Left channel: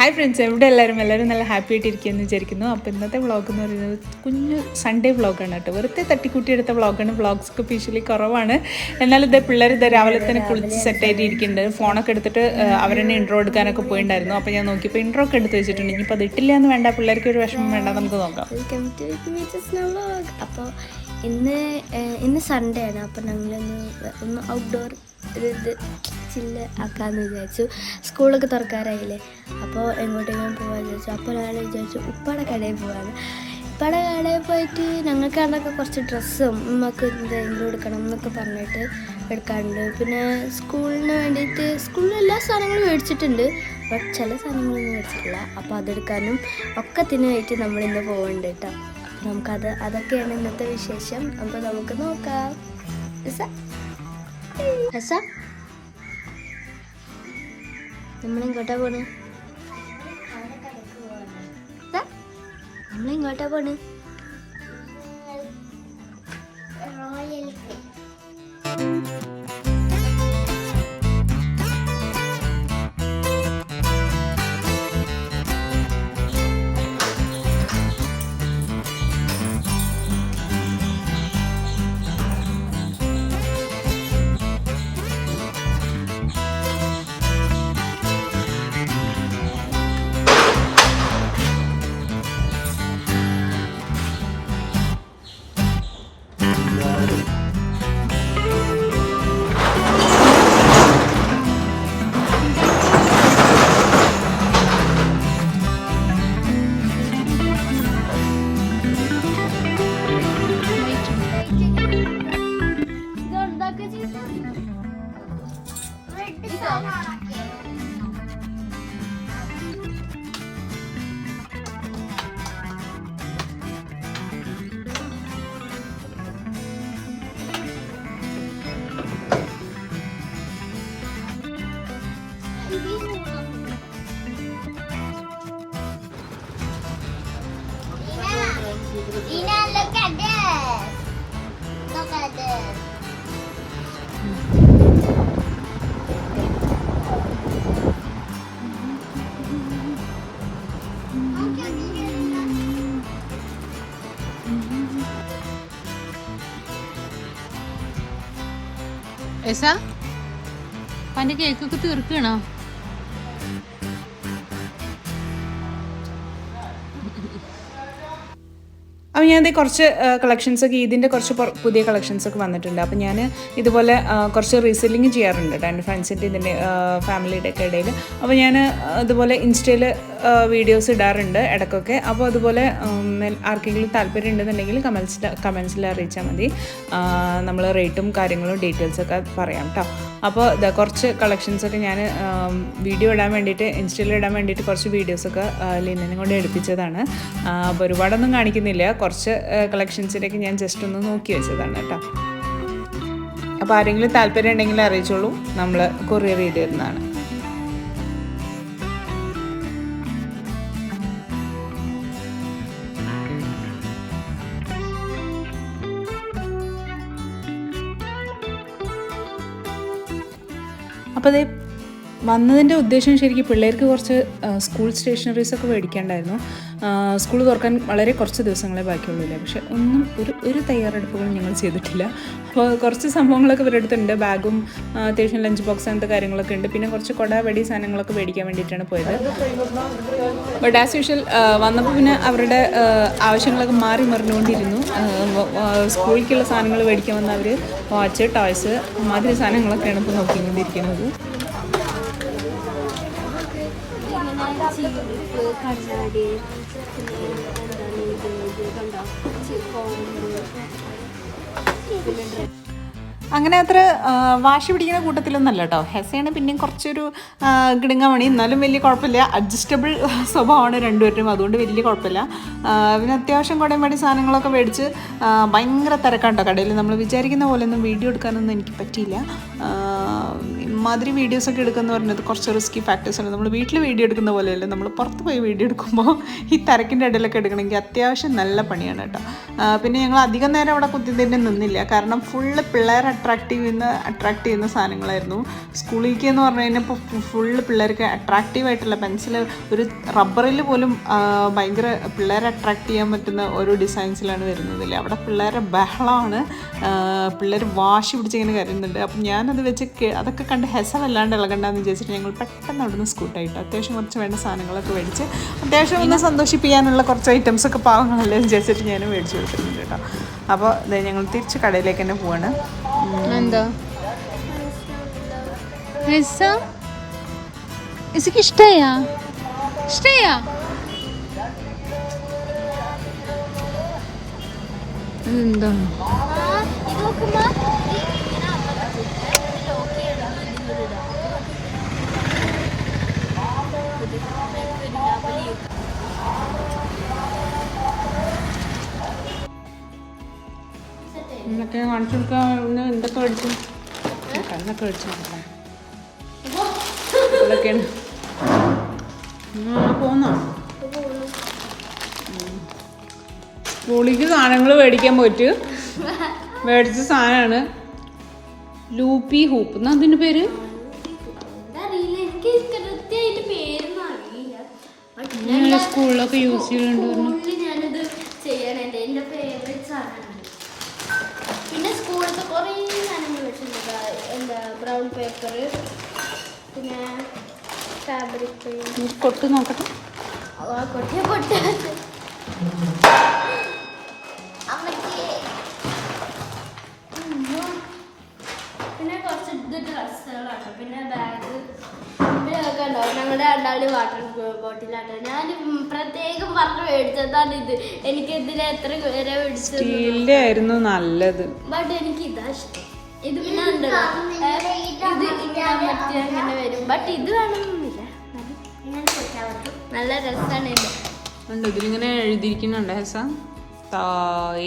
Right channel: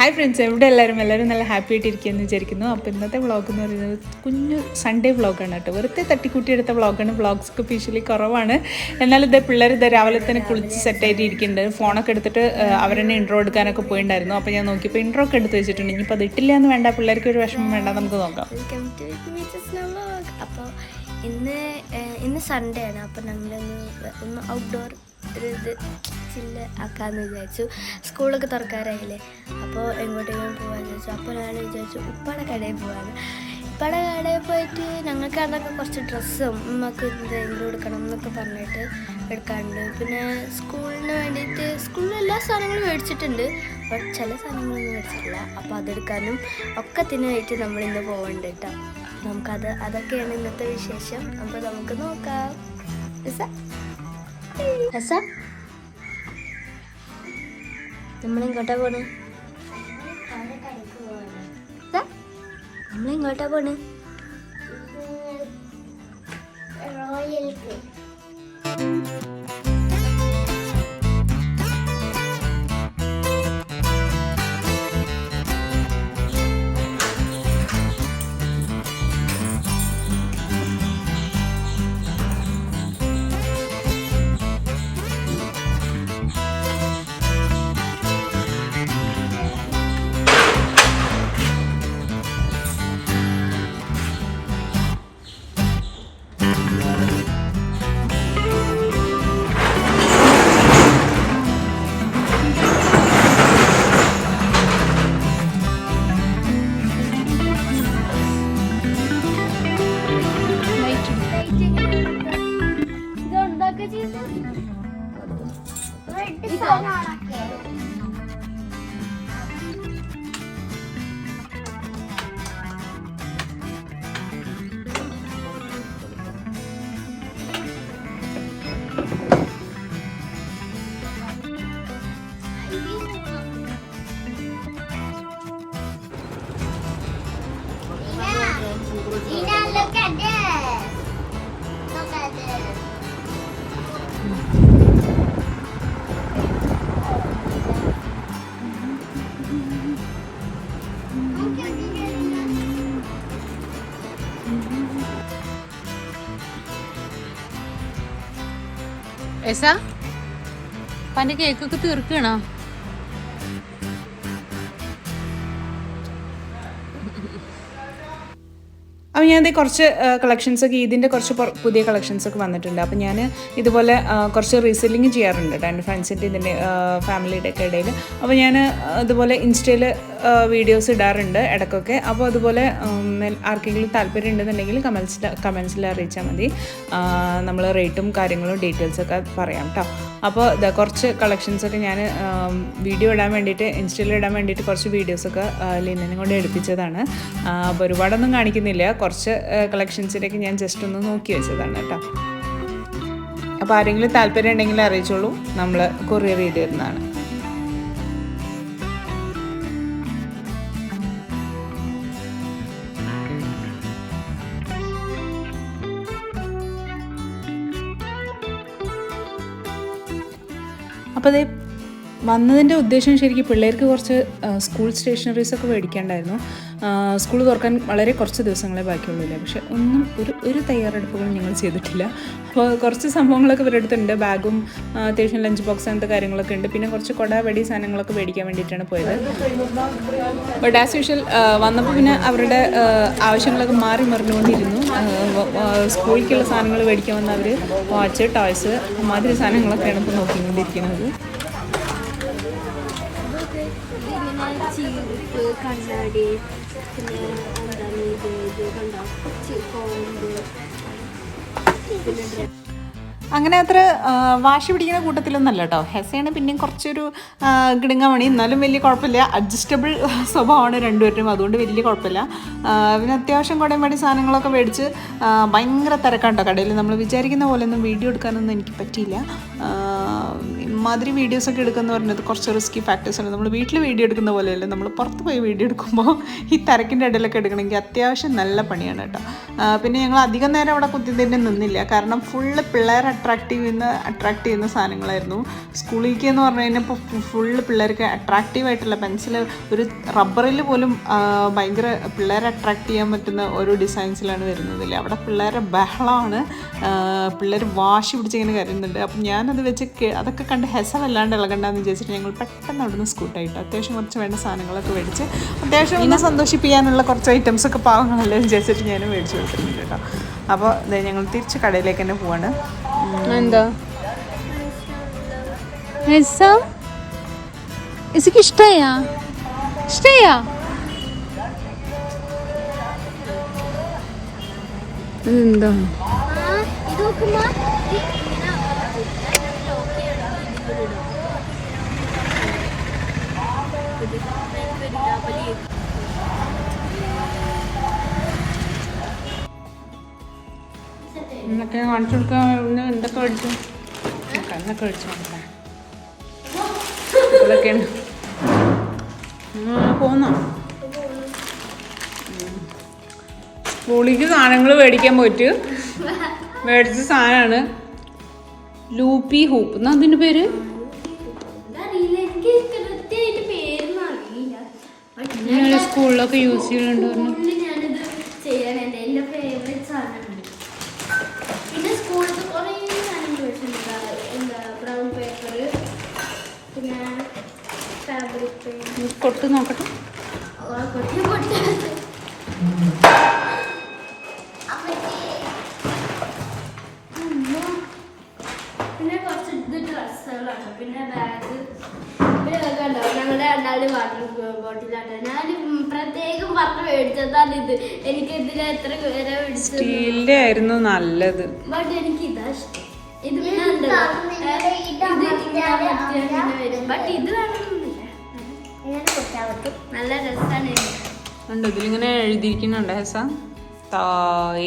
Hi friends, എവിടെ എല്ലാവരും നല്ല ഹാപ്പി ആയിട്ടിരിക്കുകയെന്ന് വിചാരിക്കുന്നു. അപ്പോൾ ഇന്നത്തെ വ്ളോഗ് എന്ന് പറയുന്നത് കുഞ്ഞു സൺഡേ വ്ളോഗാണ് കേട്ടോ. വെറുതെ തട്ടിക്കൂട്ടി എടുത്ത വ്ളോഗാണ്. വ്ളോഗ്സൊക്കെ സ്പെഷ്യലി കുറവാണ്. എന്നാലും ഇതേ പിള്ളേർ രാവിലെ തന്നെ കുളിച്ച് സെറ്റായിട്ട് ഇരിക്കുന്നുണ്ട്. ഫോണൊക്കെ എടുത്തിട്ട് അവരെന്നെ ഇൻട്രോ എടുക്കാനൊക്കെ പോയിട്ടുണ്ടായിരുന്നു. അപ്പോൾ ഞാൻ നോക്കിയപ്പോൾ ഇൻട്രോ ഒക്കെ എടുത്ത് വെച്ചിട്ടുണ്ട്. ഇനിയിപ്പോൾ അത് ഇട്ടില്ല എന്ന് വേണ്ട, പിള്ളേർക്ക് ഒരു വിഷമം വേണ്ട, നമുക്ക് നോക്കാം. അപ്പോൾ ഇന്ന് സൺഡേ ആണ്. അപ്പോൾ ഞങ്ങളൊന്ന് ഔട്ട്ഡോർ ഒരു ഇത് ചില്ല് ആക്കാമെന്ന് വിചാരിച്ചു. സ്കൂളൊക്കെ തുറക്കാറായില്ലേ, അപ്പോൾ എങ്ങോട്ടെങ്കിലും പോകാമെന്ന് വിചാരിച്ചു. അപ്പോൾ ഞാൻ വിചാരിച്ചു ഉപ്പാടെ കടയിൽ പോകാമെന്ന്. ഉപ്പാടെ കടയിൽ പോയിട്ട് ഞങ്ങൾക്ക് അന്നൊക്കെ കുറച്ച് ഡ്രസ്സും നമുക്ക് എന്തെങ്കിലും എടുക്കണം എന്നൊക്കെ പറഞ്ഞിട്ട് എടുക്കാറുണ്ട്. പിന്നെ സ്കൂളിന് വേണ്ടിയിട്ട് സ്കൂളിൽ എല്ലാ സാധനങ്ങളും മേടിച്ചിട്ടുണ്ട്, ബട്ട് ചില സാധനങ്ങളൊന്നും മേടിച്ചിട്ടില്ല. അപ്പോൾ അതെടുക്കാനും ഒക്കത്തിനായിട്ട് നമ്മളിന്ന് പോകുന്നുണ്ട് കേട്ടോ. അതൊക്കെയാണ് ഇന്നത്തെ വിശേഷം. അപ്പോൾ നമുക്ക് നോക്കാം. നമ്മളിങ്ങോട്ടാ പോണ് നമ്മളിങ്ങോട്ടാ പോണ് പന്റെ കേക്കൊക്കെ തീർക്കണോ? അപ്പോൾ ഞാനത് കുറച്ച് കളക്ഷൻസൊക്കെ ഇതിൻ്റെ കുറച്ച് പുതിയ കളക്ഷൻസൊക്കെ വന്നിട്ടുണ്ട്. അപ്പോൾ ഞാൻ ഇതുപോലെ കുറച്ച് റീസെല്ലിങ് ചെയ്യാറുണ്ട് കേട്ടോ, എൻ്റെ ഫ്രണ്ട്സിൻ്റെ ഇതിൻ്റെ ഫാമിലിയുടെ ഒക്കെ ഇടയിൽ. അപ്പോൾ ഞാൻ അതുപോലെ ഇൻസ്റ്റയിൽ വീഡിയോസ് ഇടാറുണ്ട് ഇടയ്ക്കൊക്കെ. അപ്പോൾ അതുപോലെ ആർക്കെങ്കിലും താല്പര്യം ഉണ്ടെന്നുണ്ടെങ്കിൽ കമൻസിൽ അറിയിച്ചാൽ മതി. നമ്മൾ റേറ്റും കാര്യങ്ങളും ഡീറ്റെയിൽസൊക്കെ പറയാം കേട്ടോ. അപ്പോൾ കുറച്ച് കളക്ഷൻസൊക്കെ ഞാൻ വീഡിയോ ഇടാൻ വേണ്ടിയിട്ട് ഇൻസ്റ്റയിൽ ഇടാൻ വേണ്ടിയിട്ട് കുറച്ച് വീഡിയോസൊക്കെ ലിനനും കൊണ്ട് എടുപ്പിച്ചതാണ്. അപ്പോൾ ഒരുപാടൊന്നും കാണിക്കുന്നില്ല, കുറച്ച് കളക്ഷൻസിലേക്ക് ഞാൻ ജസ്റ്റ് ഒന്ന് നോക്കി വെച്ചതാണ് കേട്ടോ. അപ്പോൾ ആരെങ്കിലും താല്പര്യം ഉണ്ടെങ്കിൽ അറിയിച്ചോളൂ, നമ്മൾ കൊറിയർ ചെയ്ത് തരുന്നതാണ്. അപ്പോൾ അതേ വന്നതിൻ്റെ ഉദ്ദേശം ശരിക്കും പിള്ളേർക്ക് കുറച്ച് സ്കൂൾ സ്റ്റേഷനറീസൊക്കെ മേടിക്കാണ്ടായിരുന്നു. സ്കൂൾ തുറക്കാൻ വളരെ കുറച്ച് ദിവസങ്ങളെ ബാക്കിയുള്ളൂല്ലേ, പക്ഷെ ഒന്നും ഒരു തയ്യാറെടുപ്പുകളും ഞങ്ങൾ ചെയ്തിട്ടില്ല. അപ്പോൾ കുറച്ച് സംഭവങ്ങളൊക്കെ ഇവരുടെ അടുത്തുണ്ട്. ബാഗും അത്യാവശ്യം ലഞ്ച് ബോക്സ് അങ്ങനത്തെ കാര്യങ്ങളൊക്കെ ഉണ്ട്. പിന്നെ കുറച്ച് കൊടവടി സാധനങ്ങളൊക്കെ മേടിക്കാൻ വേണ്ടിയിട്ടാണ് പോയത്. ബട്ട് ആസ് യൂഷ്വൽ വന്നപ്പോൾ പിന്നെ അവരുടെ ആവശ്യങ്ങളൊക്കെ മാറി മറിഞ്ഞുകൊണ്ടിരുന്നു. സ്കൂളിലേക്കുള്ള സാധനങ്ങൾ മേടിക്കാൻ വന്ന അവർ വാച്ച്, ടോയ്സ്, മാതിരി സാധനങ്ങളൊക്കെയാണ് ഇപ്പോൾ നോക്കിക്കൊണ്ടിരിക്കുന്നത്. കണ്ണാടി, പിന്നെ എന്താണ് ഇത് കണ്ടോ, അങ്ങനെ അത്ര വാശി പിടിക്കുന്ന കൂട്ടത്തിലൊന്നല്ല കേട്ടോ. ഹെസയാണ് പിന്നെയും കുറച്ചൊരു കിടുങ്ങമണി, എന്നാലും വലിയ കുഴപ്പമില്ല. അഡ്ജസ്റ്റബിൾ സ്വഭാവമാണ് രണ്ടുപേരും, അതുകൊണ്ട് വലിയ കുഴപ്പമില്ല. പിന്നെ അത്യാവശ്യം കുടയും സാധനങ്ങളൊക്കെ മേടിച്ച് ഭയങ്കര തിരക്കാണ് കേട്ടോ കടയിൽ. നമ്മൾ വിചാരിക്കുന്ന പോലെ ഒന്നും വീഡിയോ എടുക്കാനൊന്നും എനിക്ക് പറ്റിയില്ല. ഇമാതിരി വീഡിയോസൊക്കെ എടുക്കുന്ന പറഞ്ഞത് കുറച്ച് റിസ്കി ഫാക്ടേഴ്സ് ഉണ്ട്. നമ്മൾ വീട്ടിൽ വീഡിയോ എടുക്കുന്ന പോലെയല്ല, നമ്മൾ പുറത്ത് പോയി വീഡിയോ എടുക്കുമ്പോൾ ഈ തിരക്കിൻ്റെ ഇടയിലൊക്കെ എടുക്കണമെങ്കിൽ അത്യാവശ്യം നല്ല പണിയാണ് കേട്ടോ. പിന്നെ ഞങ്ങൾ അധികം നേരം അവിടെ കുത്തി തന്നെ നിന്നില്ല, കാരണം ഫുള്ള് പിള്ളേരെ അട്രാക്റ്റ് ചെയ്യുന്ന സാധനങ്ങളായിരുന്നു. സ്കൂളിലേക്ക് എന്ന് പറഞ്ഞു കഴിഞ്ഞാൽ ഇപ്പോൾ ഫുള്ള് പിള്ളേർക്ക് അട്രാക്റ്റീവായിട്ടുള്ള പെൻസിൽ, ഒരു റബ്ബറിൽ പോലും ഭയങ്കര പിള്ളേരെ അട്രാക്റ്റ് ചെയ്യാൻ പറ്റുന്ന ഓരോ ഡിസൈൻസിലാണ് വരുന്നതില്ലേ. അവിടെ പിള്ളേരെ ബഹളമാണ്, പിള്ളേർ വാശി പിടിച്ചിങ്ങനെ കരുതുന്നുണ്ട്. അപ്പം ഞാനത് വെച്ച് അതൊക്കെ കണ്ട് ഹെസമല്ലാണ്ട് ഇളകണ്ടെന്ന് വിചാരിച്ചിട്ട് ഞങ്ങൾ പെട്ടെന്ന് അവിടെ നിന്ന് സ്കൂട്ടായിട്ട് അത്യാവശ്യം കുറച്ച് വേണ്ട സാധനങ്ങളൊക്കെ മേടിച്ച് അത്യാവശ്യം ഒന്ന് സന്തോഷിപ്പിക്കാനുള്ള കുറച്ച് ഐറ്റംസൊക്കെ പാവങ്ങളല്ലേ വിചാരിച്ചിട്ട് ഞാൻ മേടിച്ചു കൊടുത്തിട്ടുണ്ട് കേട്ടോ. അപ്പോൾ ഞങ്ങൾ തിരിച്ച് കടയിലേക്ക് തന്നെ പോവാണ്. എന്താ ഇഷ്ടയാ എന്താണ് എന്നൊക്കെ കാണിച്ചു കൊടുക്കാൻ എന്തൊക്കെ മേടിച്ചു, കണ്ണൊക്കെ മേടിച്ചു നോക്കട്ടെ. ഇപ്പോഴൊക്കെയാണ് പോന്നോ സ്കൂളിലേക്ക് സാധനങ്ങൾ മേടിക്കാൻ പോയിട്ട് മേടിച്ച സാധനമാണ് ലൂപ്പി ഹൂപ്പ് എന്നാ അതിൻ്റെ പേര്. സ്കൂളിലൊക്കെ യൂസ് ചെയ്യുന്നുണ്ട് പറഞ്ഞു. പിന്നെ സ്കൂളിൽ കുറേ സാധനങ്ങൾ വെച്ചിട്ടുണ്ട്. എന്താ ബ്രൗൺ പേപ്പർ, പിന്നെ ഫാബ്രിക് കൊട്ട് നോക്കട്ടെ. പിന്നെ കുറച്ച് ഇത് ഡ്രസ്സുകളാണ്, പിന്നെ ബാഗ്, പിന്നെ അതൊക്കെ ഉണ്ടാവും. ഞങ്ങളുടെ രണ്ടാമത് വാട്ടർ ബോട്ടിലാണ്. ഞാൻ പ്രത്യേകം പറഞ്ഞു മേടിച്ചതാണ് ഇത്. എനിക്ക് ഇതിന് എത്ര പേരെ മേടിച്ചത് സ്റ്റീലിന്റെ ആയിരുന്നു നല്ലത്, ബട്ട് എനിക്ക് ഇതാ ഇഷ്ടം. ഇത് പിന്നെ വരും, ബട്ട് ഇത് വേണമെന്നില്ല, എങ്ങനെ കൊടുക്കാൻ പറ്റും. നല്ല രസമാണ്. ഉണ്ട് ഇതിലിങ്ങനെ എഴുതിയിരിക്കുന്നുണ്ട് ഹെസ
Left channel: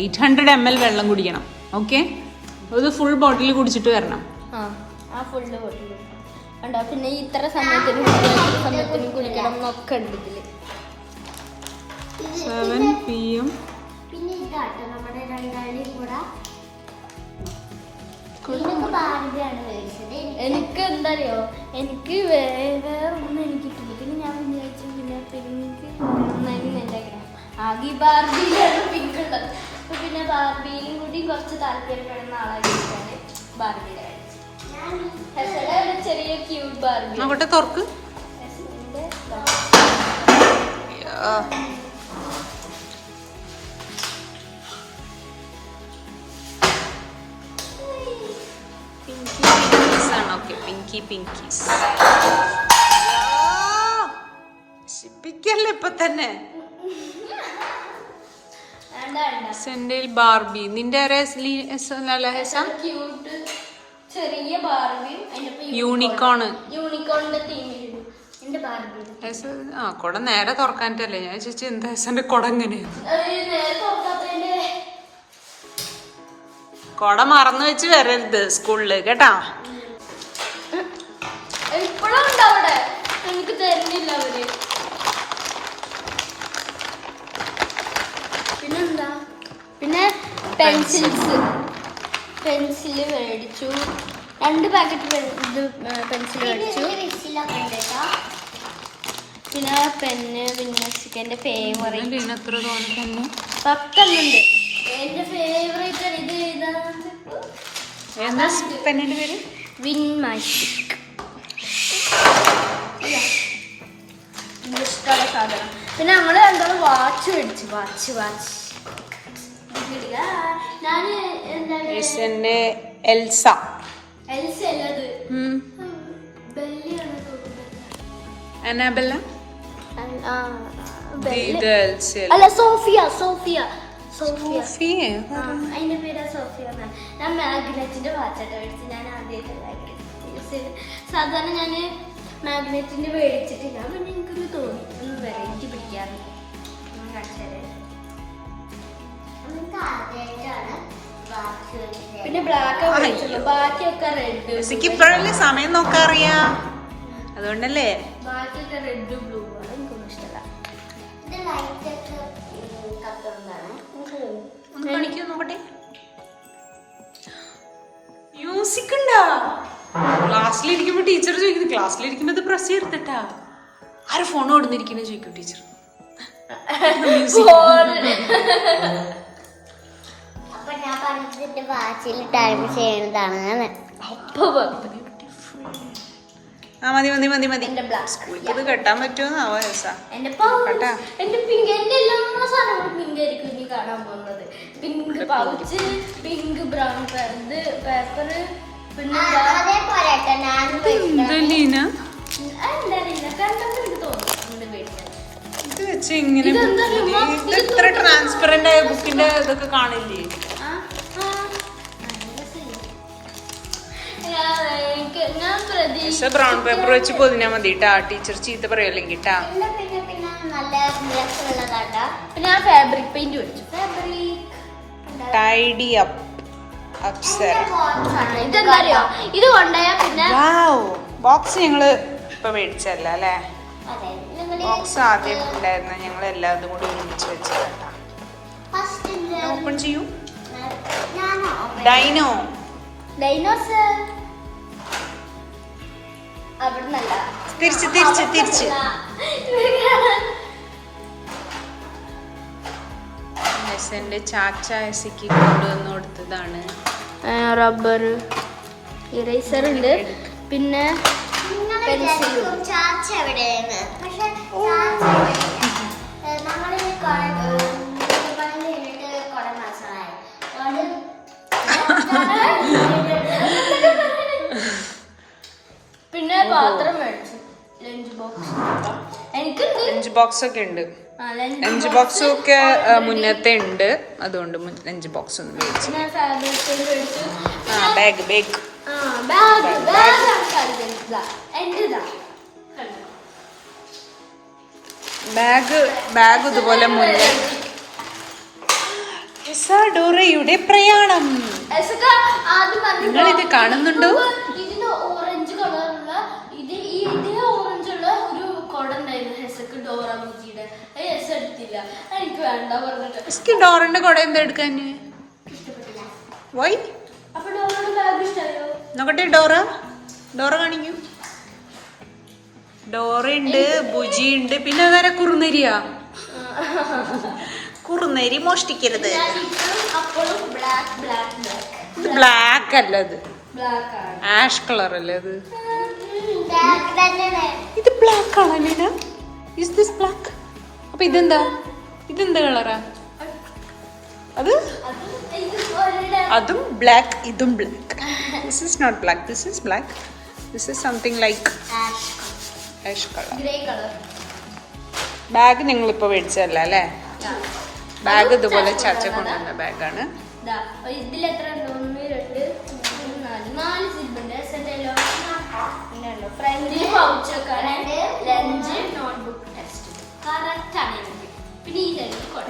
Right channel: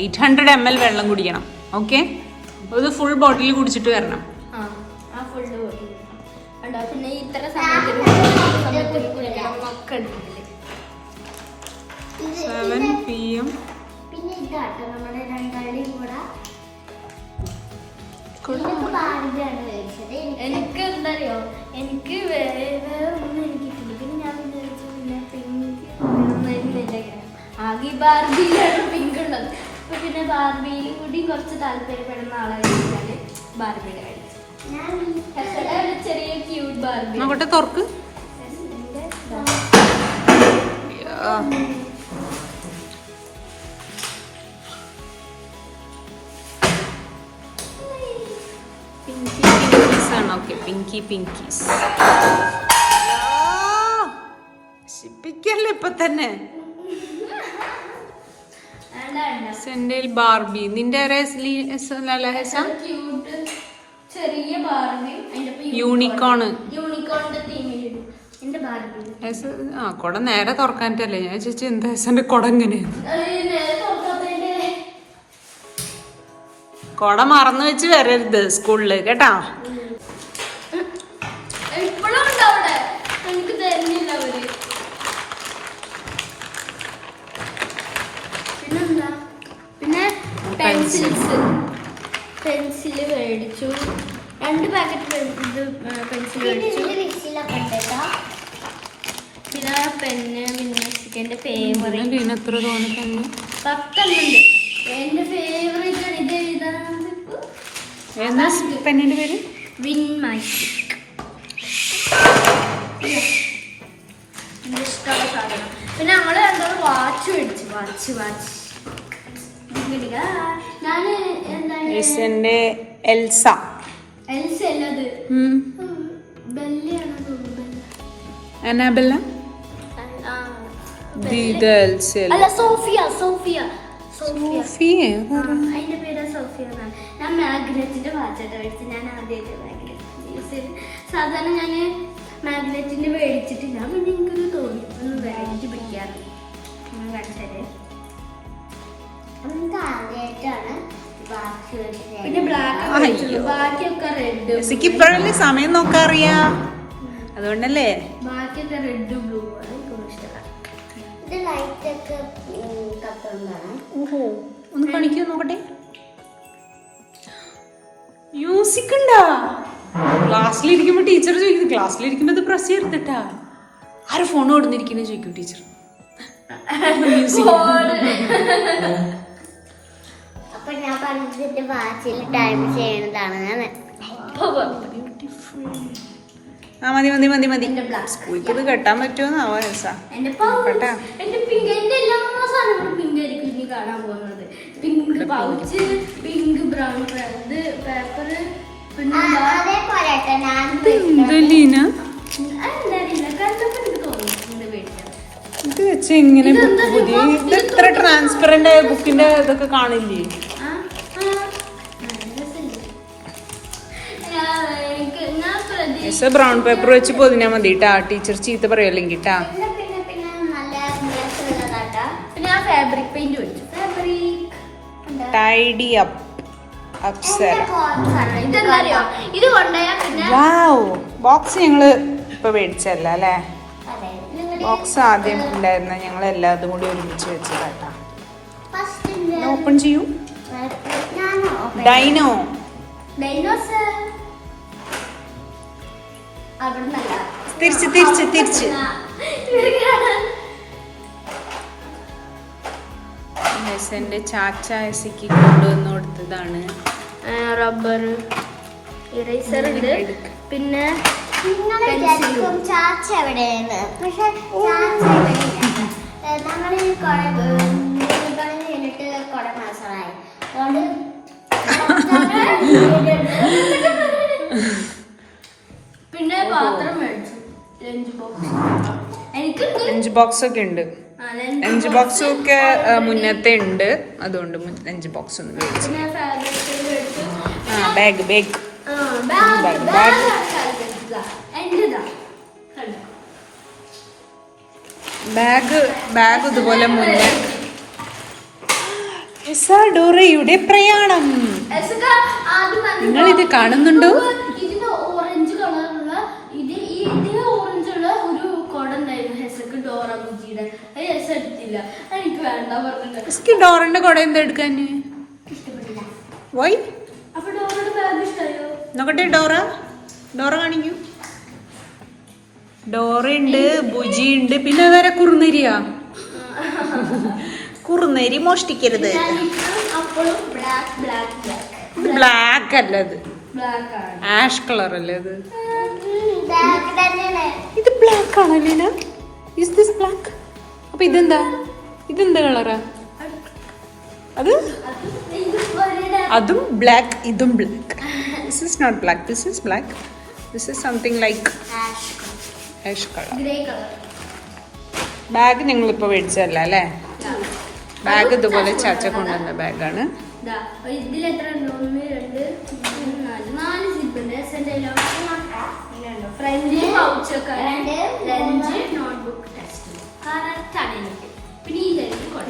800 ml വെള്ളം കുടിക്കണം. ഓക്കെ, ഇത് ഫുൾ ബോട്ടിൽ കുടിച്ചിട്ട് വരണം. ആ ഫുള്ള് ബോട്ടിൽ ഉണ്ടോ. പിന്നെ ഇത്ര സമയത്തിന് ഒക്കെ ഉണ്ട് ഇതില്. 7 PM. പിന്നെ ഇതാട്ടോ നമ്മുടെ രണ്ടാളുടെയും കൂടെ ബാർബിയാണ് മേടിച്ചത്. എനിക്ക് എന്താ അറിയോ, എനിക്ക് വേറെ ഒന്നും എനിക്ക് കിട്ടില്ല. പിന്നെ ഞാൻ വിചാരിച്ചു പിന്നെ പിങ്ക് ആദ്യം ബാർബിയിലാണ് പിങ്ക് ഉള്ളത്. അപ്പൊ പിന്നെ ബാർബിയിലും കൂടി കുറച്ച് താല്പര്യപ്പെടുന്ന ആളായിട്ടാണ് ബാർബിയുടെ ചെറിയ ക്യൂട്ട് ബാർബി. നോക്കട്ടെ, തുറക്ക്. പിങ്കീസ് ശിപ്പിക്കല്ലേ ഇപ്പൊ തന്നെ. സെന്റയിൽ ബാർബി. നിന്റെ ചെറിയ ബാർബി യൂണിക്കോണ്. യൂണിക്കോണിന്റെ തീമിലിടും എന്റെ ബാർബി. ആ കൊട നേരെ തുറക്കാനിട്ടല്ലേ ഞാൻ ചേച്ചി എന്താ ഹെസന്റെ കൊട എങ്ങനെയാണ്. കൊട മറന്നു വെച്ച് വരരുത് സ്കൂളില് കേട്ടാ. എനിക്ക് തരുന്നില്ല അവര്. പിന്നെന്താ, പിന്നെ പെൻസില് മേടിച്ചു. 2 പാക്കറ്റ് പെൻസിൽ മേടിച്ചു. പിന്നെ പെന്ന്, പിന്നെ ചിക്കൻ്റെ ഫേവറേറ്റ് എത്ര തോന്നുന്നു 10 ഉണ്ട്. എന്റെ ഫേവറേറ്റ് ആണ് ഇത്. എന്താ പെണ്ണിന്റെ പേര്? വിൻമാഷ്. പിന്നെ നമ്മള് രണ്ടും വാച്ച് മേടിച്ചു. വാച്ച് ഞാന് എന്താണ് എൽസ അല്ലത് ബെല്ലിയാണ്. അനാബെല്ല അല്ല സോഫിയ. അതിന്റെ പേര് സോഫിയ. ഞാൻ മാഗ്നറ്റിന്റെ വാച്ചായിട്ട് മേടിച്ചു. ഞാൻ ആദ്യമായിട്ട് സാധാരണ ഞാൻ മാഗ്നറ്റിന്റെ മേടിച്ചിട്ടില്ല. പിന്നെ എനിക്കൊന്ന് തോന്നി ഒന്ന് വെറൈറ്റി പിടിക്കാറുണ്ട്. ഞാൻ കാണിച്ചത് നിങ്ങൾക്ക് ആദ്യമായിട്ടാണ് പിന്നെ ബ്ലാക്ക് ബാക്കിയൊക്കെ റെഡ്. ജെസ്സിക്ക് ഇപ്പോഴല്ലേ സമയം നോക്കാറിയാ, അതുകൊണ്ടല്ലേ. ബാക്കിയൊക്കെ റെഡ് ബ്ലൂ ആണ് എനിക്കൊന്നും ഇഷ്ടമല്ല. ഇത് ലൈറ്റ് ഒക്കെ കത്തുകൊണ്ടാണ്. ഓഹോ, ഒന്ന് കാണിക്കൂ നോക്കട്ടെ. മ്യൂസിക് ഉണ്ടാ? ക്ലാസ്സിലിരിക്കുമ്പോ ടീച്ചർ ചോദിക്കുന്നു, ക്ലാസ്സിലിരിക്കുമ്പോ ഇത് പ്രസ് ചെയ്തിട്ടാ ആര് ഫോൺ കൊടുത്തിരിക്കുന്നു ചോദിക്കും ടീച്ചർ. അപ്പൊ ഞാൻ പറഞ്ഞിട്ട് വാച്ചിൽ ടൈം ചെയ്യുന്നതാണ്. ആ മതി മതി മതി മതി. സ്കൂളിൽ ഇത് കെട്ടാൻ പറ്റുമോന്നാവോ രസാ കേട്ടാ. കാണാൻ പോകുന്നത് pink pouch, pink brown paper, ഇത് വെച്ച് ഇങ്ങനെ പുതിയ ഇത് ഇത്ര ട്രാൻസ്പെറന്റ് ആയ ബുക്കിന്റെ ഇതൊക്കെ കാണില്ലേ? ബ്രൗൺ പേപ്പർ വെച്ച് പൊതിഞ്ഞാ മതി ട്ടാ, ടീച്ചർ ചീത്ത പറയുമല്ലെങ്കിൽ ട്ടാ. Tidy up Apsara. Wow, box ഞങ്ങള് ഇപ്പൊ മേടിച്ചല്ല അല്ലേ? ബോക്സ് ആദ്യം ഉണ്ടായിരുന്ന ഞങ്ങൾ എല്ലാതും കൂടി ഒരുമിച്ച് വെച്ചതാട്ടാ. ഓപ്പൺ ചെയ്യൂ. ഡൈനോ. തിരിച്ച് തിരിച്ച് തിരിച്ച്. ഹെസന്റെ ചാച്ച ഹെസിക്ക് കൊണ്ടുവന്ന് കൊടുത്തതാണ്. റബ്ബർ, ഇറേസർ ഉണ്ട്. പിന്നെ ചാച്ച എവിടെയാണ്? പക്ഷെ നമ്മൾ കഴിഞ്ഞിട്ട് കുറെ മാസമായി, പിന്നെ പാത്രം മേടിച്ചു. ലഞ്ച് ബോക്സ് ഒക്കെ ഉണ്ട്. ലഞ്ച് ബോക്സും ഒക്കെ മുന്നത്തെ ഉണ്ട്, അതുകൊണ്ട് ലഞ്ച് ബോക്സ് ഒന്നും മേടിച്ചു. ആ bag bag bag bag bag ഇതുപോലെ മുന്നേ. ഡോറയുടെ പ്രയാണം നിങ്ങൾ ഇത് കാണുന്നുണ്ടോ? ഇതിന്റെ ഓറഞ്ച് കളറുള്ള ഇതിന് ഓറഞ്ചുള്ള ഒരു കൊട ഉണ്ടായിരുന്നു ഹെസക്ക് ഡോറ ബുജിയുടെ. അത് ഹെസ എടുത്തില്ല, എനിക്ക് വേണ്ട പറഞ്ഞിട്ട്. ഡോറിന്റെ കുട എന്താ എടുക്കാൻ ഇഷ്ടപ്പെട്ടില്ല. വൈ? അപ്പൊ ഡോറയുടെ ബാഗ് ഇഷ്ടമായോ നോക്കട്ടെ. ഡോറ കാണിക്കൂ. ഡോറ ഉണ്ട്, ബുജി ഉണ്ട്, പിന്നെ വേറെ കുറുനരിയാ. കുറുനരി മോഷ്ടിക്കരുത്. ഇത് ബ്ലാക്ക് അല്ല, അത് ആഷ് കളർ അല്ലേ? അത് ഇത് ബ്ലാക്ക് ആണല്ലേ? Is this black? അപ്പൊ ഇതെന്താ കളറാ? അതും ബ്ലാക്ക്, ഇതും black. This is not black, this is black. This is something like ash colour. Bag ഞങ്ങളിപ്പോ മേടിച്ചല്ല അല്ലേ? ബാഗ് ഇതുപോലെ ചാച്ച കൊണ്ടുവന്ന ബാഗാണ്.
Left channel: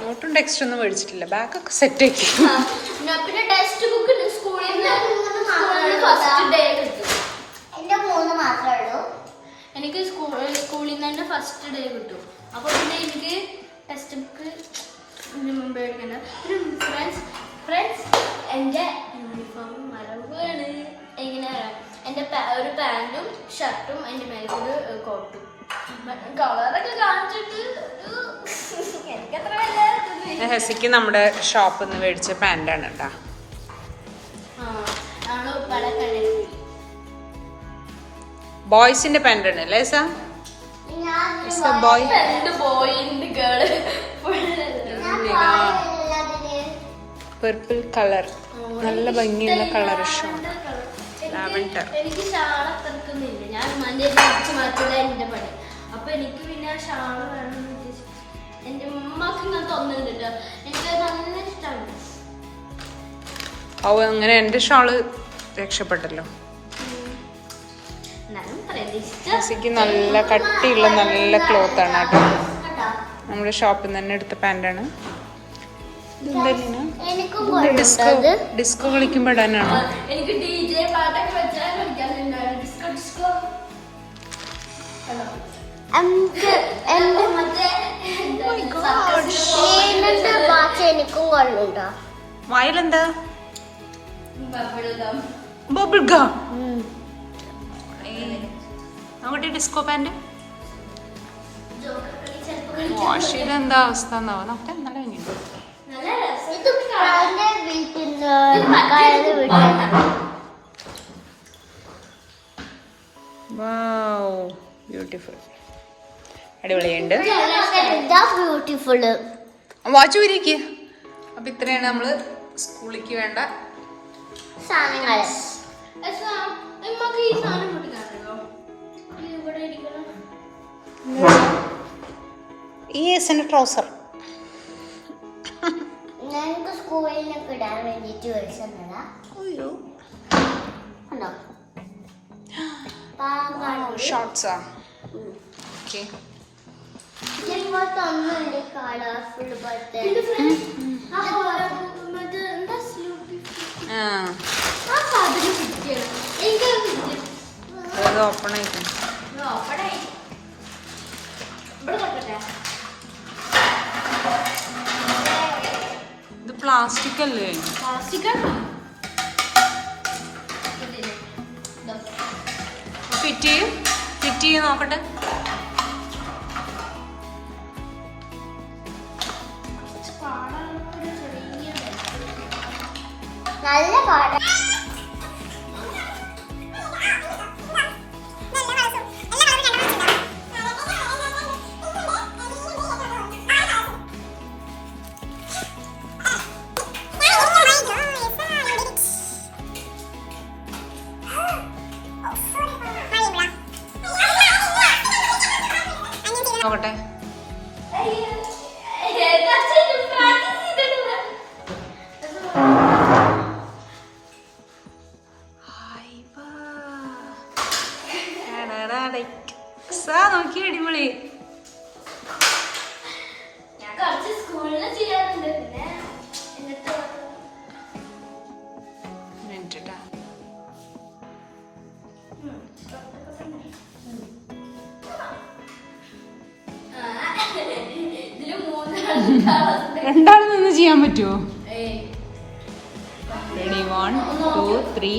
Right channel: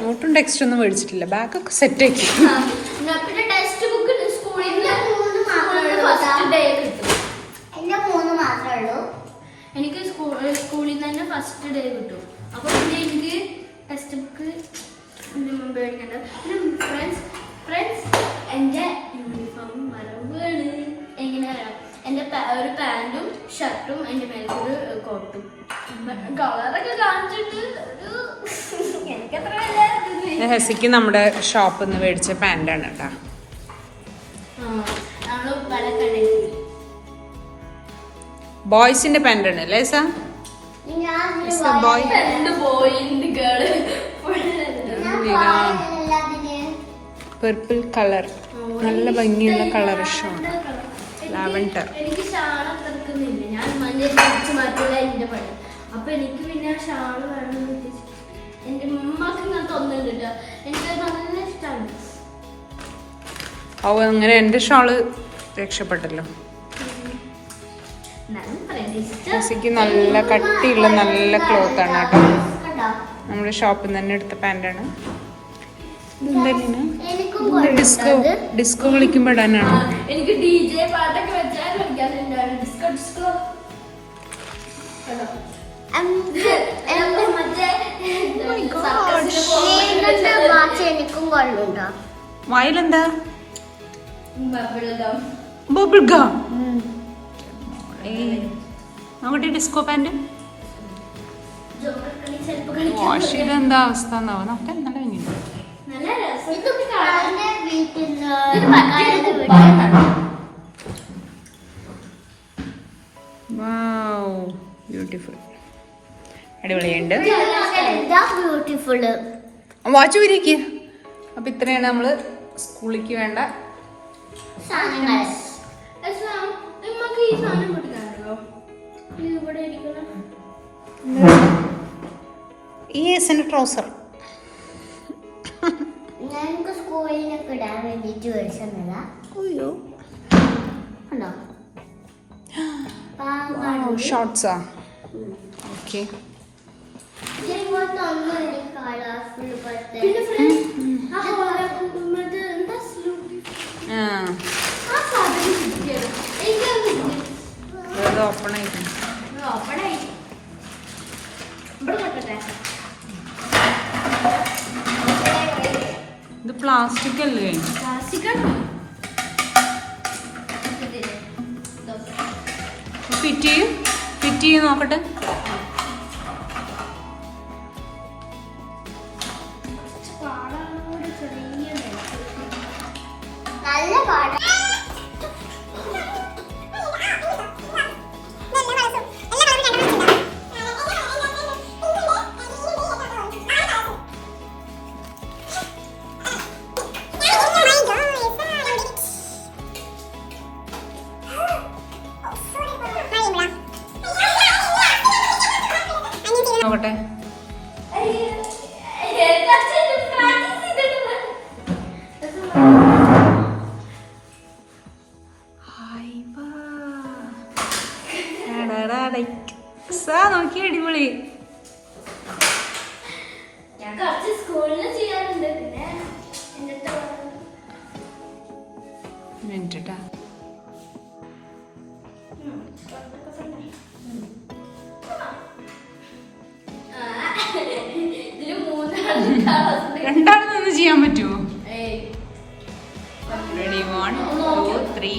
നോട്ടും ടെക്സ്റ്റ് ഒന്നും മേടിച്ചിട്ടില്ല, ബാഗൊക്കെ സെറ്റ് ആക്കി. എനിക്ക് സ്കൂളിൽ തന്നെ ഫസ്റ്റ് ഡേ കിട്ടും. അപ്പൊ എനിക്ക് ടെക്സ്റ്റ് ബുക്ക് എന്റെ യൂണിഫോം മറവാണ്. എങ്ങനെയാ? എന്റെ ഒരു പാന്റും ഷർട്ടും അതിന്റെ മേലൊരു കോട്ടും. കളറൊക്കെ കാണിച്ചിട്ട് എനിക്കത്ര ഹെസിക്ക് നമ്മുടെ ഷോപ്പിൽ നിന്ന് മേടിച്ച പാന്റാണ് കേട്ടാ. ബോയ്സിന്റെ പാന്റ് ആണ് അല്ലേ സാ? ബോയ് പർപ്പിൾ കളർ, നല്ല ഭംഗിയുള്ള കളർ ഷോണ്. ലാവൻഡർ. അപ്പൊ എനിക്ക് പിന്നെ ഷാള് വേണം. എന്റെ ഉമ്മക്ക് ഇങ്ങനെ തോന്നുന്നുണ്ട്, എനിക്ക് നല്ല ഇഷ്ടമാണ്. ഓ, അങ്ങനെ എന്റെ ഷാള് രക്ഷപ്പെട്ടല്ലോ. ഹെസിക്ക് നല്ല കട്ടിയുള്ള നല്ല ക്ലോത്ത് ആണ് കേട്ടോ. നമ്മുടെ ഷോപ്പിൽ നിന്ന് തന്നെ എടുത്ത പാന്റാണ്. ഡിസ്കോ കളിക്കുമ്പോ ഇടാനാണോ? എനിക്ക് DJ പാട്ടൊക്കെ വെച്ചാൽ കളിക്കാറുണ്ടായിരുന്നു. ഡിസ്കോ ഡിസ്കോ എനിക്കും കൊള്ളുണ്ടോ? വായിലെന്താ? Bubble gum. നോക്കട്ടെ ഡിസ്കോ പാന്റ് വാഷ് ചെയ്ത എന്താ അവസ്ഥ എന്നാവോ? നമുക്ക് നല്ല ഭംഗിയുണ്ട്. ബ്യൂട്ടിഫുൾ, അടിപൊളിയുണ്ട്. വാച്ച് ഊരിക്ക്. അപ്പൊ ഇത്രയാണ് നമ്മള് സ്കൂളിലേക്ക് വേണ്ട ട്രൗസർ. ഞങ്ങൾക്ക് സ്കൂളിലൊക്കെ ഇടാൻ വേണ്ടിട്ട് മേടിച്ചതാ. ഷോർട്സാ. ഓക്കെ, ഓപ്പൺ ആയിട്ട് ഇത് പ്ലാസ്റ്റിക് അല്ലേ? ഫിറ്റ് ചെയ്ത് നോക്കട്ടെ. നല്ല പാടാ. നോക്കട്ടെ. നോക്കി അടിപൊളി. ഞാൻ കുറച്ച് സ്കൂളിൽ ചെയ്യാറുണ്ട്. പിന്നെ മിനിറ്റാ രണ്ടാമതൊന്നും ചെയ്യാൻ പറ്റുമോ? റെഡി 1 2 3.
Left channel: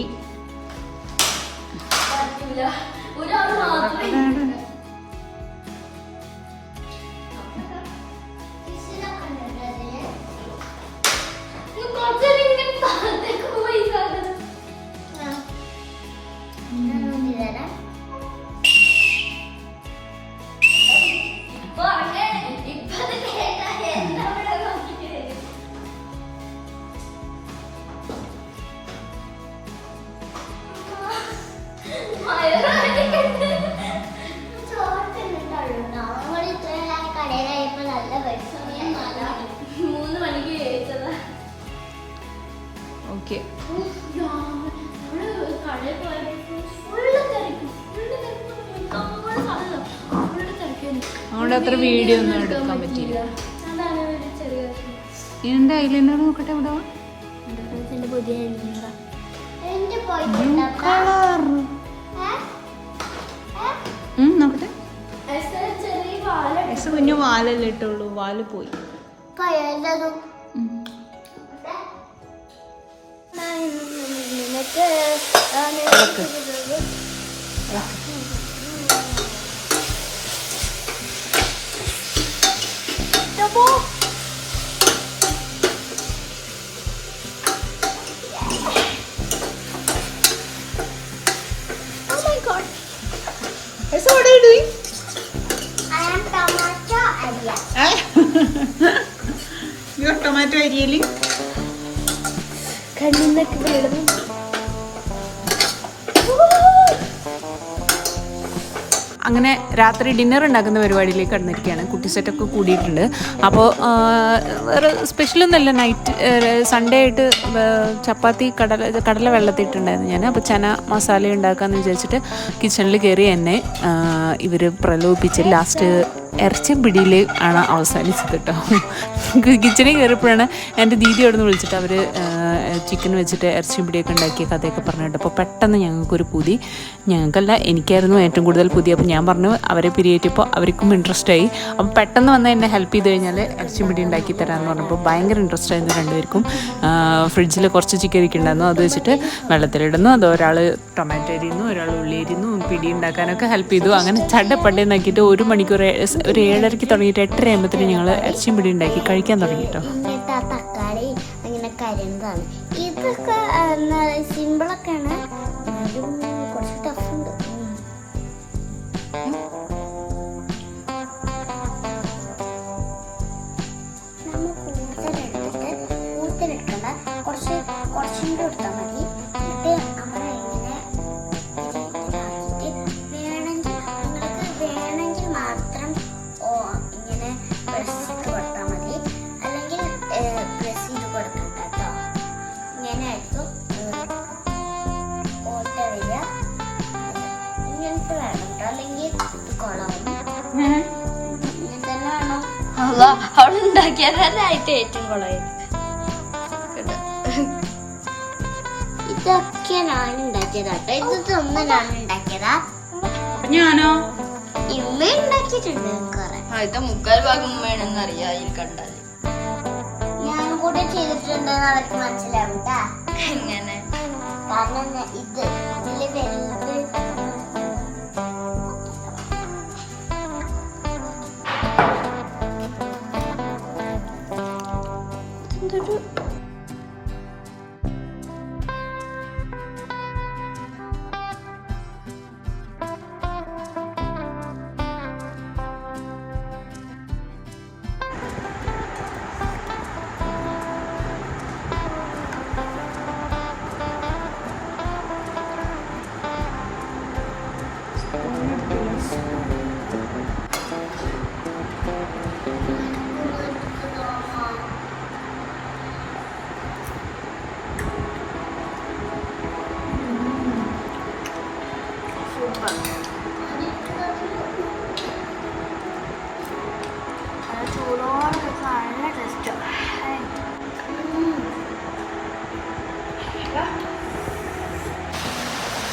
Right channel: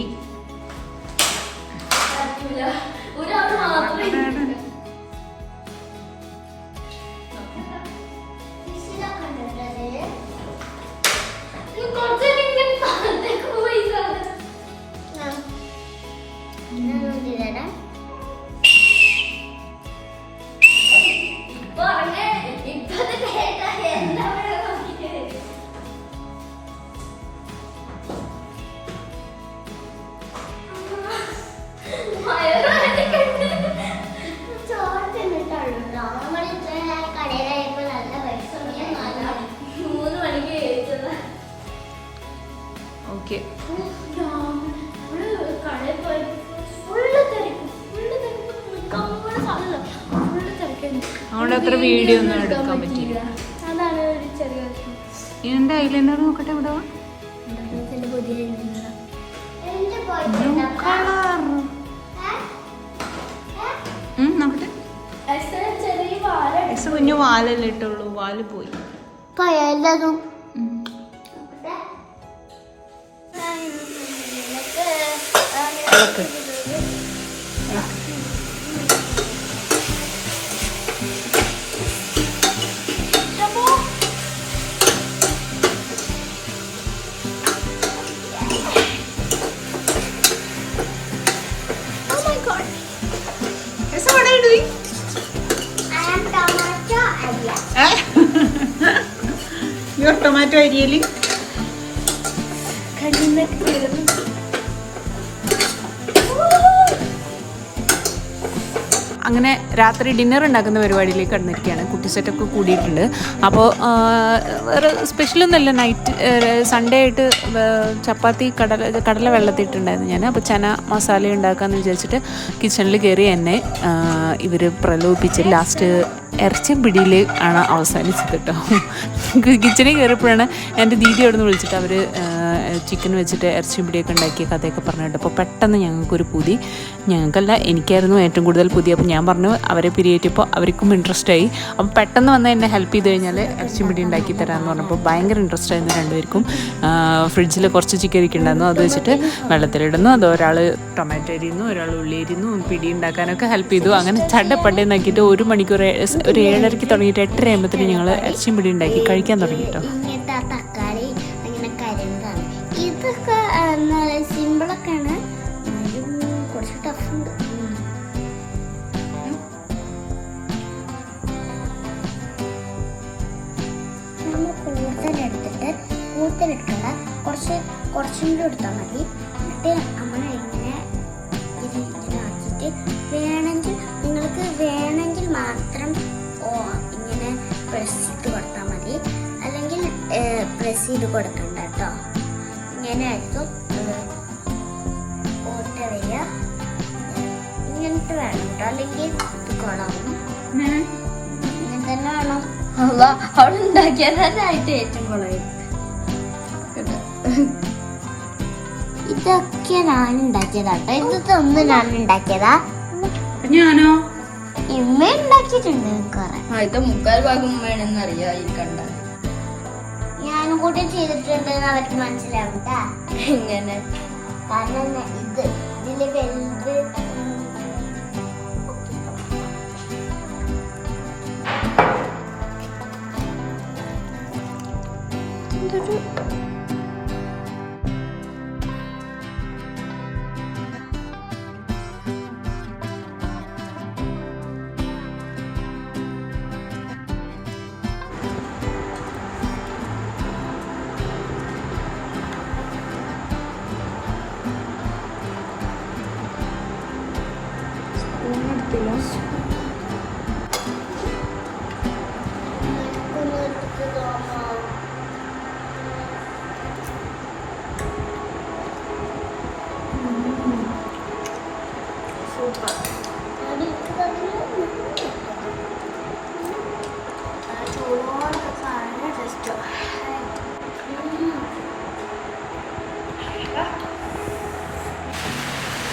ഓക്കെ, അവിടെ അത്ര വീഡിയോ ഒന്നും എടുക്കാൻ പറ്റില്ല. അതാണ് ഒരു ചെറിയ വിഷമം. എന്താ ഐലൈനർ നോക്കട്ടെ. ഇവിടെ ബ്ലൂ കളർ നോക്കട്ടെ. കുഞ്ഞു വാലല്ലേ ഇട്ടുള്ളൂ, വാല് പോയി. എല്ലാതും ഇളക്ക്. So what are you doing? I am tomato area. You are tomato really? അങ്ങനെ രാത്രി ഡിന്നർ ഉണ്ടാക്കുന്ന പരിപാടിയിലേക്ക് കടന്നിരിക്കുകയാണ്. കുട്ടി സെറ്റൊക്കെ കൂടിയിട്ടുണ്ട്. അപ്പോൾ വേറെ സ്പെഷ്യലൊന്നുമല്ല. നൈറ്റ് സൺഡേ ആയിട്ട് ചപ്പാത്തി കടല വെള്ളത്തിയിട്ടുണ്ടായിരുന്നു ഞാൻ. അപ്പോൾ ചന മസാല ഉണ്ടാക്കാമെന്ന് വിചാരിച്ചിട്ട് കിച്ചണിൽ കയറി എന്നെ ഇവർ പ്രലോഭിപ്പിച്ച് ലാസ്റ്റ് ഇറച്ചിയും പിടിയിൽ ആണ് അവസാനിച്ചത് കേട്ടോ. കിച്ചണിൽ കയറിയപ്പോഴാണ് എൻ്റെ ദീദി അവിടെ നിന്ന് വിളിച്ചിട്ട് അവർ ചിക്കൻ വെച്ചിട്ട് ഇറച്ചിയും പിടിയൊക്കെ ഉണ്ടാക്കിയ കഥയൊക്കെ പറഞ്ഞിട്ട്. അപ്പോൾ പെട്ടെന്ന് ഞങ്ങൾക്കൊരു പുതി, ഞങ്ങൾക്കല്ല എനിക്കായിരുന്നു ഏറ്റവും കൂടുതൽ പുതി. അപ്പോൾ ഞാൻ പറഞ്ഞു അവരെ പിരിയേറ്റപ്പോൾ അവർക്കും ഇൻട്രസ്റ്റ് ആയി. അപ്പോൾ പെട്ടെന്ന് വന്ന് എന്നെ ഹെൽപ്പ് ചെയ്ത് കഴിഞ്ഞാൽ ഇറച്ചിയും പിടി ഉണ്ടാക്കി തരാമെന്ന് പറഞ്ഞപ്പോൾ ഭയങ്കര ഇൻട്രസ്റ്റ് ആയിരുന്നു രണ്ടുപേർക്കും. ഫ്രിഡ്ജിൽ കുറച്ച് ചിക്കൻ ഇരിക്കുന്നുണ്ടായിരുന്നു, അത് വെച്ചിട്ട് വെള്ളത്തിലിടുന്നു, അത് ഒരാൾ ടൊമാറ്റോ അരിയുന്നു, ഒരാൾ ഉള്ളി അരിയുന്നു, പിടി ഉണ്ടാക്കാനൊക്കെ ഹെൽപ്പ് ചെയ്തു. അങ്ങനെ ചടപ്പണ്ടേന്നാക്കിയിട്ട് 1 മണിക്കൂർ ഒരു 7:30 തുടങ്ങിയിട്ട് 8:30 ആകുമ്പോഴത്തേനും ഞങ്ങൾ ഇറച്ചിയും പിടി ഉണ്ടാക്കി കഴിക്കാൻ തുടങ്ങി കേട്ടോ. തക്കാളി അങ്ങനെ കരിന്താണ് ഇതൊക്കെ സിമ്പിളൊക്കെയാണ്, കുറച്ച് ടഫുണ്ട്. മൂത്തിനെടുക്കണ്ട, കുറച്ചും കൂടി എടുത്താൽ മതി. എന്നിട്ട് അങ്ങനെ വേണമെങ്കിൽ നിങ്ങൾക്ക് വേണമെങ്കിൽ മാത്രം ഇങ്ങനെ പ്രസ് ചെയ്ത് കൊടുത്താൽ മതി, അല്ലെങ്കിൽ പ്രസ് ചെയ്ത് കൊടുക്കണ്ട കേട്ടോ. ഇങ്ങനെ ആയിരിക്കും ഓട്ടറിയ ഇങ്ങനത്തെ വേണം കേട്ടോ, അല്ലെങ്കിൽ കുളവും ഇങ്ങനെ തന്നെ വേണം. അവിടെ ഉണ്ടാക്കിയാലായിട്ട് ഏറ്റവും കുളമായിരുന്നു. ഇതൊക്കെ ഞാൻ ഉണ്ടാക്കിയതാട്ടോ, ഇതൊന്നും ഞാൻ ഉണ്ടാക്കിയതാ. ഞാനോ ഇമ്മ ഉണ്ടാക്കിയിട്ടുണ്ട് കുറെ. ഇത് 3/4 ഭാഗം വേണമെന്നറിയാം ഈ കണ്ട. ഞാനും കൂടെ ചെയ്തിട്ടുണ്ടെന്ന് അവർക്ക് മനസ്സിലാവും ഇങ്ങനെ, കാരണം ഇതില് വലുത്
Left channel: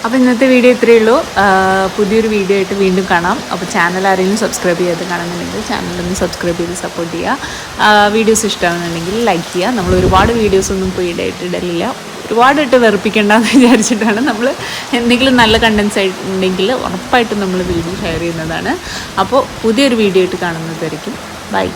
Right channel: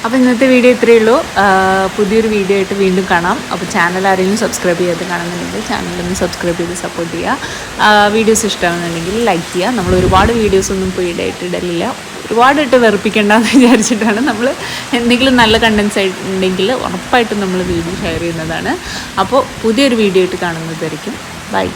അപ്പോൾ ഇന്നത്തെ വീഡിയോ ഇത്രയേ ഉള്ളൂ. പുതിയൊരു വീഡിയോ ആയിട്ട് വീണ്ടും കാണാം. അപ്പോൾ ചാനൽ ആരെങ്കിലും സബ്സ്ക്രൈബ് ചെയ്യാതെ കാണുന്നുണ്ടെങ്കിൽ ചാനലൊന്ന് സബ്സ്ക്രൈബ് ചെയ്ത് സപ്പോർട്ട് ചെയ്യുക. വീഡിയോസ് ഇഷ്ടമാകുന്നുണ്ടെങ്കിൽ ലൈക്ക് ചെയ്യുക. നമ്മൾ ഒരുപാട് വീഡിയോസൊന്നും ഇപ്പോൾ ഇടലില്ല, ഒരുപാട് ഇട്ട് വെറുപ്പിക്കേണ്ടെന്ന് വിചാരിച്ചിട്ടാണ്. നമ്മൾ എന്തെങ്കിലും നല്ല കണ്ടൻസ് ഉണ്ടെങ്കിൽ ഉറപ്പായിട്ടും നമ്മൾ വീഡിയോ ഷെയർ ചെയ്യുന്നതാണ്. അപ്പോൾ പുതിയൊരു വീഡിയോ ആയിട്ട് കാണുന്നതായിരിക്കും. ബൈ.